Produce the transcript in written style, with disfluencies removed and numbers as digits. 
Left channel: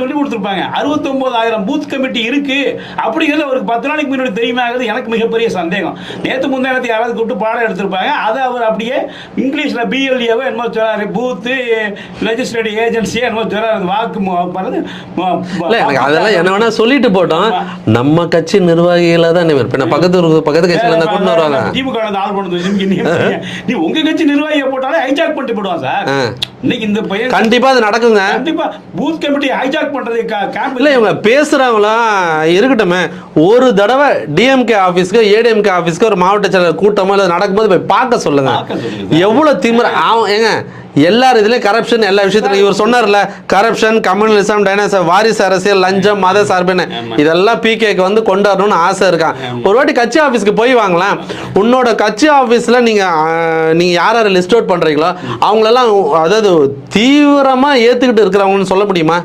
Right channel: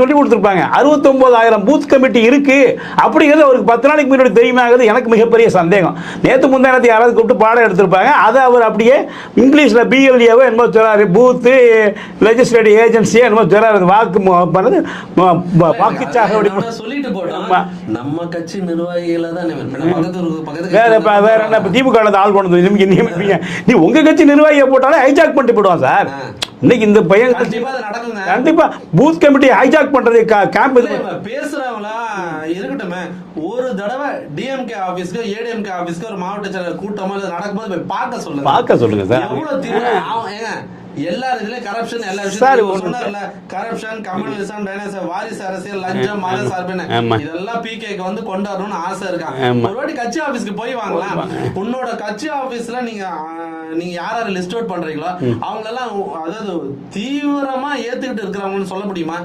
சொல்லி கொடுத்துருப்பாங்க. 69,000 booth committee இருக்கு அப்படிங்கிறது அவருக்கு 10 நாளைக்கு முன்னாடி தெரியுமாங்கிறது எனக்கு மிகப்பெரிய சந்தேகம். நேற்று முந்தானத்தை யாராவது கூப்பிட்டு பாடம் எடுத்திருப்பாங்க. அதை அவர் அப்படியே இங்கிலீஷ்ல BLAவோ என்னமோ சொல்றாரு, பூத்து லெஜிஸ்லேட்டிவ் ஏஜென்சியா என்னமோ சொல்றாரு, வாக்கு பண்ணது என்ன வேணா சொல்லிட்டு போட்டோம். நம்ம கட்சி நிர்வாகிகள தான் பக்கத்து திமுக ஆள் பண்ணது. நீ உங்க கட்சி நிர்வாகியை போட்டாலே ஹைஜாக் பண்ணிட்டு போடுவான் சார். இன்னைக்கு இந்த பையன் கண்டிப்பா அது நடக்குங்க. கண்டிப்பா பூத் கமிட்டி ஹைஜாக் பண்றது கேம்ப் இல்ல. இவங்க பேசுறவங்களாம் இருக்கட்டுமே, ஒரு தடவை DMK ஆபீஸ்க்கு ADMK ஆபீஸ்க்கு ஒரு மாவட்ட செயலர் கூட்டமோ இல்ல நடக்கும்போது போய் பார்க்க சொல்லுங்க. எவ்வளவு திமிர ஏங்க. எல்லாரும் இதுலயும் கரப்ஷன், எல்லா விஷயத்துலயும் இவர் சொன்னார்ல, கரப்ஷன், கம்யூனலிசம், டைனோசர், வாரிசு அரசியல், லஞ்சம், மத சார்புன்னு இதெல்லாம் PKக்கு வந்து கொண்டு வரணும்னு ஆசை இருக்கான். ஒரு வாட்டி கட்சி ஆபீஸ்க்கு போய் வாங்கலாம். உன்னோட கட்சி ஆபீஸ்ல நீங்க யார் யாரை லிஸ்ட் அவுட் பண்றீங்களோ அவங்களெல்லாம், அதாவது தீவிரமா ஏத்துக்கிட்டு இருக்கிறவங்கன்னு சொல்ல முடியுமா?